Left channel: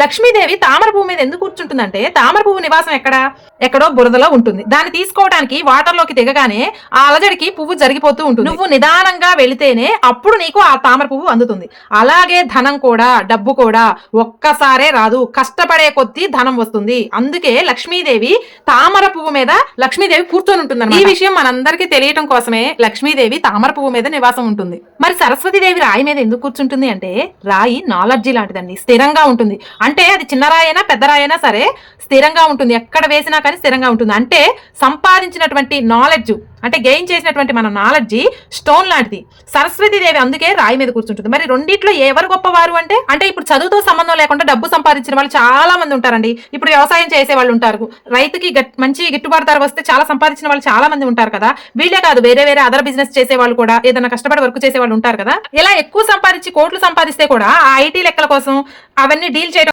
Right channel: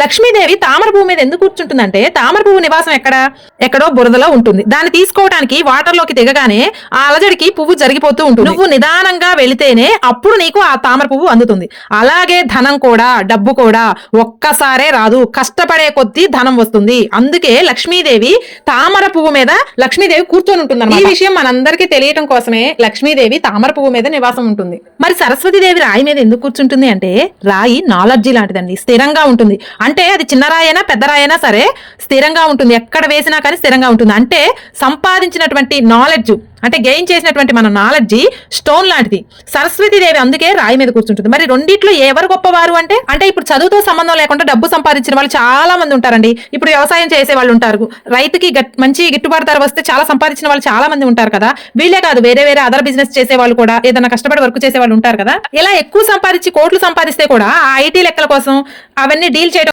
లక్ష్మీదేవి తామర పువ్వు మీద ఎందుకు కూర్చుంటుందంటే తామర పువ్వు నివాసం ఎక్కడో బురదలో ఉంటుంది. దాన్ని తీసుకోవడానికి వాటర్ లోకి దిగగానే ఆ అలజడికి పువ్వు జరిగిపోతూ ఉంటుంది. నువ్వు నిదానంగా వెళితేనే అప్పుడు నీకు ఆ తామర పువ్వు అందుతుంది. అలాగే ధనం కూడా, డబ్బు కూడా ఒక్కసారే రాదు, కష్టపడే కొద్దీ ధనం వస్తుంది. అందుకే లక్ష్మీదేవి తామర పువ్వు మీద లక్ష్మీదేవి కూర్చొని ఉంటుంది. ఈ విషయం మనందరికీ తెలియటం కోసమే లక్ష్మీదేవి తామర పువ్వు మీద నివాసం ఉంటుంది. మరి సరస్వతీదేవి రాయి మీద ఎందుకు కూర్చుంటుంది అంటే రాయి నాలెడ్జి లాంటిదండి, స్థిరంగా ఉంటుంది. అంటే అది చిన్న రాయైనా పెద్ద రాయైనా సరే స్థిరంగా ఉంటుంది, ఎక్కడ వేసినా కానీ స్థిరంగా ఉంటుంది. అంటే సంపాదించినటువంటి నాలెడ్జ్, అంటే గెయిన్ చేసినటువంటి మన నాలెడ్జి స్టోన్ లాంటిది. సరస్వతీదేవి అందుకే రాయి మీద కూర్చుంటుంది. మరి రెండిట్లో ఎవరు గొప్పవారు అంటే ఇప్పుడు చదువుతో సంబంధం లేకుండా డబ్బు సంపాదించిన వాళ్ళు చాలా మంది ఉంటారండి. ఇప్పుడు వ్యవసాయం చేసే వాళ్ళు ఉంటారు, రైతుకి మంచి గిట్టుబాటు ధర వస్తే చాలా సంపాదించిన వాళ్ళు చాలా మంది ఉంటారు కదా. వీళ్ళే కాదు, వేరే వేరే అదర్ బిజినెస్ చేసే వాళ్ళు కూడా, ఏదైనా కష్టపడి వర్క్ చేసే వాళ్ళు ఉంటారు కదా. ఇలా ఎక్కువ సంపాదించి కోట్లు సంపాదిస్తే కూడా ఆ ఐటీ లెక్కల కోసం అవన్నీ డీల్ చేయడం